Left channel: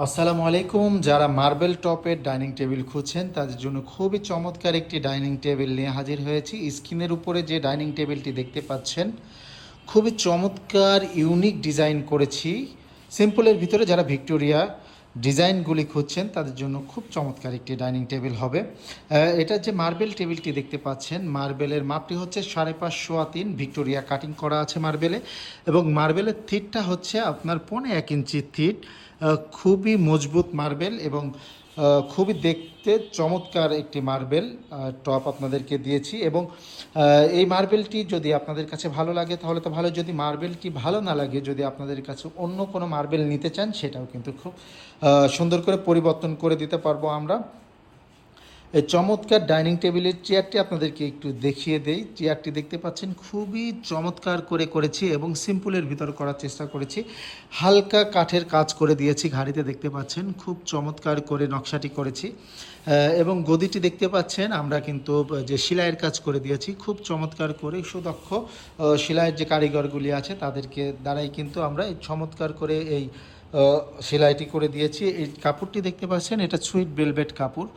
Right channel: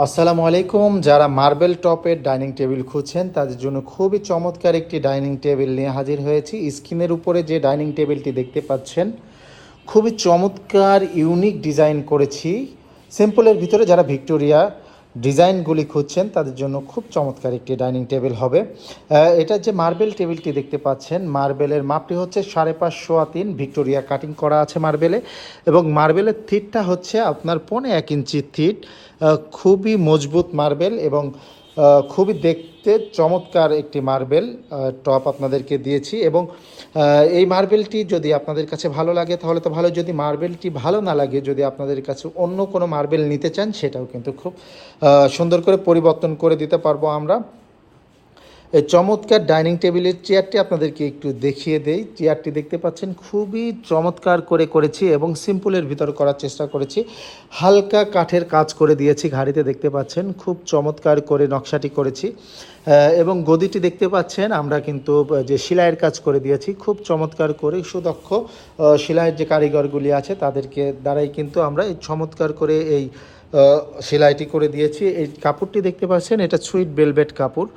আসসালামু আলাইকুম। যারা মার্বেল টপের ডাইনিং টেবিল খুঁজছেন, তাদের জন্য খুবই চমৎকার একটি ডাইনিং টেবিল নিয়ে হাজির হয়েছি। স্ক্রিনের উপরে যে ডাইনিং টেবিলটি দেখতে পাচ্ছেন, খুবই চমৎকার ইউনিক ডিজাইন করেছি। সিম্পলের ভিতরে যারা ভিক্টোরিয়া ডিজাইনগুলি খুঁজছেন, তাদের জন্য খুব চমৎকার একটি ডাইনিং টেবিল হবে। এটা যে মার্বেল টেবিলটি দেখতে পাচ্ছেন মার্বেলের মাপটি হচ্ছে সাড়ে পাঁচশো তিন ভিক্টোরিয়া কাটিং করা আছে মার্বেলে এবং মার্বেলের থিটটা হচ্ছে আপনার পৌনে এক ইঞ্চি থিট। খুবই মজবুত মার্বেল এবং খুবই দেখতে চমৎকার একটি মার্বেল টপ আপনাদেরকে দিয়েছি এবং এই মার্বেলটি যদি আপনাদের কাছে ভালো লাগে তাহলে তো ভালো, যদি মার্বেলটি ভালো না লাগে, যদি আপনাদের কাছে অন্য কোনো মার্বেল নিতে চান সেটাও কিন্তু খুব সুন্দর করে পরিবর্তন করে দিতে পারব আমরা। এই চমৎকার ডাইনিং টেবিলের চেয়ারটি আপনাদেরকে একটু দেখিয়ে দেই। চেয়ারটি দেখতে পাচ্ছেন, খুবই চমৎকার করে করেছি এবং সিম্পলের ভিতর করার চেষ্টা করেছি। হালকা কাঠের কাজ করে দিয়েছি ঘাড়িতে দেখতে পাচ্ছেন, খুব চমৎকার করে নকশাটি করেছি। এবং গদিটি দেখতে পাচ্ছেন, আমরা কিন্তু যে সেলাইয়ের কাজ করে দিয়েছি, খুব চমৎকার করে সুদক্ষ সেলাইয়ের যে কারিগরগুলি আছে তাদেরকে দ্বারাই কিন্তু আমরা এই চমৎকার করে এই সেলাইটি করে দিয়েছি। এই কাপড়টি দেখতে পাচ্ছেন, এটা সুইট বেলভেট কাপড়।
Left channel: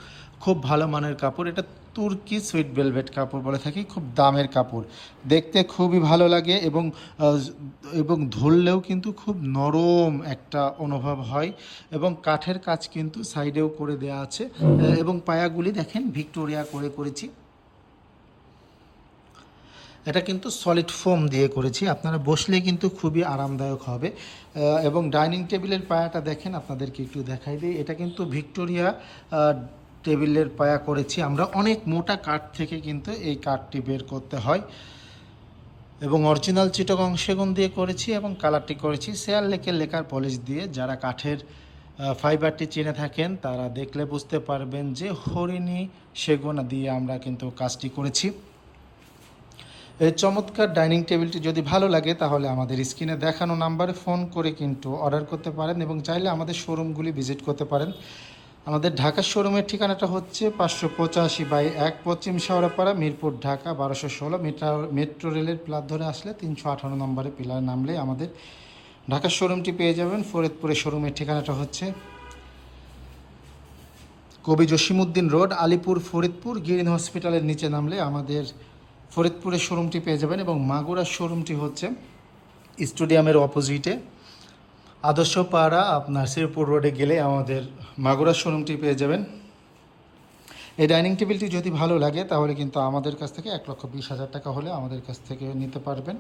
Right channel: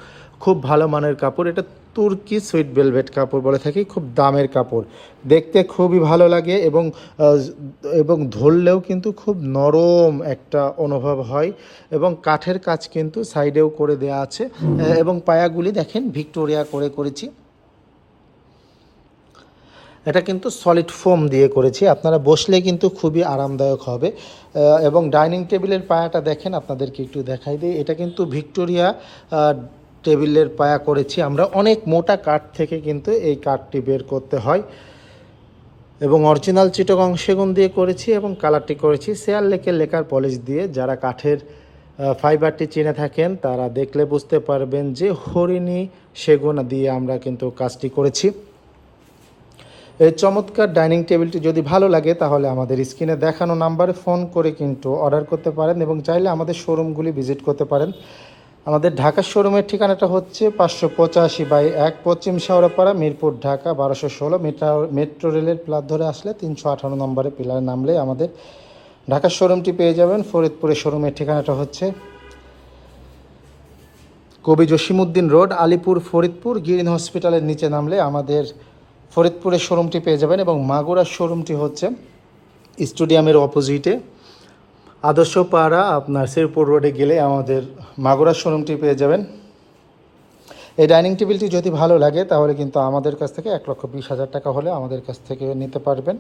খুব ভালো মানের কাপড়। এটা তুর্কি সুইট বেলভেট কাপড় বলে থাকি খুব দামের কাপড়। দেখতে খুবই ভালো লাগে এবং এবং ধরলেও কিন্তু খুব নরম একটা অনুভব হয় এবং কাঠের কাজ কিন্তু সাইডেও করে দেওয়া আছে। এবং পায়াগুলি দেখেন ভিক্টোরিয়া করে করেছি। এটা কিন্তু সলিড ফোম দিয়ে করেছি আপনারা বসলে কিন্তু খুবই আরামদায়ক হবে। এবং ডাইনিং টেবিলের পায়াটা দেখেন আপনাদেরকে একটু দেখাই দিই। এটা কিন্তু ভিক্টোরিয়া টেবিলের পায়া করেছি। আমরা অনেক মোটা কাঠ থেকে কিন্তু এই কাঠটি বের করতে হয়। এবং অরিজিনাল চিটগং সেগুন দিয়ে করেছি এবং কালারটি করেছি। শেয়ার লেকের লেকার পলিশ দিয়ে যারা কাঠের ফাইবারটি চিনে থাকেন, তারা দেখলে বুঝতে পারবেন যে হরিণী সেগুন দিয়ে আমরা কিন্তু কাজটি করেছি। এই চমৎকার ডাইনিং টেবিলটি যদি ভালো লাগে, তাহলে আমাদের স্ক্রিনে দেখানো নাম্বারে ফোন করে কিন্তু অর্ডার করতে পারেন এবং চাইলে আমাদের শোরুমগুলি ভিজিট করতে পারেন। আমাদের ঢাকার শোরুমের ঠিকানাটা হচ্ছে পাঁচশো পঁচাশি বাই এক পশ্চিম শেওড়াপাড়া মিরপুর ঢাকা, বারোশো ষোলো মেট্রো মেট্রো রেলের প্লাট ধরে আসলে তিনশো আঠারো নম্বরে পিলার নামলে আমাদের ঢাকার শোরুমটি পেয়ে যাবেন। ফরিদপুরের শোরুমের ঠিকানাটা হচ্ছে কবি জসিমুদ্দিন রোড, আলিপুর, ফরিদপুর, গ্রিন হসপিটালের নিচে নামলে আমাদের ফরিদপুরের শোরুমটি পেয়ে যাবেন এবং মাগুরার শোরুমটি হচ্ছে স্টেডিয়ামের অপোজিটে। আদর্শ পাড়া আপনার শেরপুর রোডে গেলে আমাদের মাগুরার শোরুমটি পেয়ে যাবেন। এই ডাইনিং টেবিলটি যদি ভালো লাগে, তাহলে কিন্তু আমাদের কাছ থেকে এক লক্ষ বিশ হাজার টাকা হলে আমাদের কাছ থেকে নিতে পারবেন।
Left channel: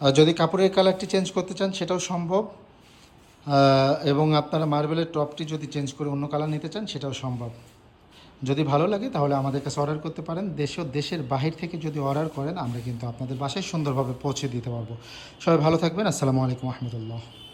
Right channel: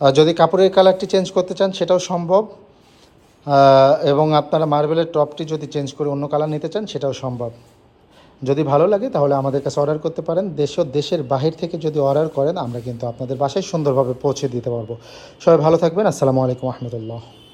আর যদি কাপড়ের কালারটি চেঞ্জ করতে চান, সেটাও সম্ভব। এবং আপনারা মার্বেলের টপটি যদি চেঞ্জ করে অন্য কালার নিতে চান, সেটাও সম্ভব। যদি ভালো লাগে, তাহলে আমাদের কাছে অর্ডার করতে পারেন। দেশ দেশের বাহির থেকে যদি অর্ডার করেন, আমরা কিন্তু আপনাদের বাসায় সুন্দরভাবে পৌঁছে দিতে পারব। সবাই ভালো থাকবেন। আসসালামু আলাইকুম রহমতুল্লাহ।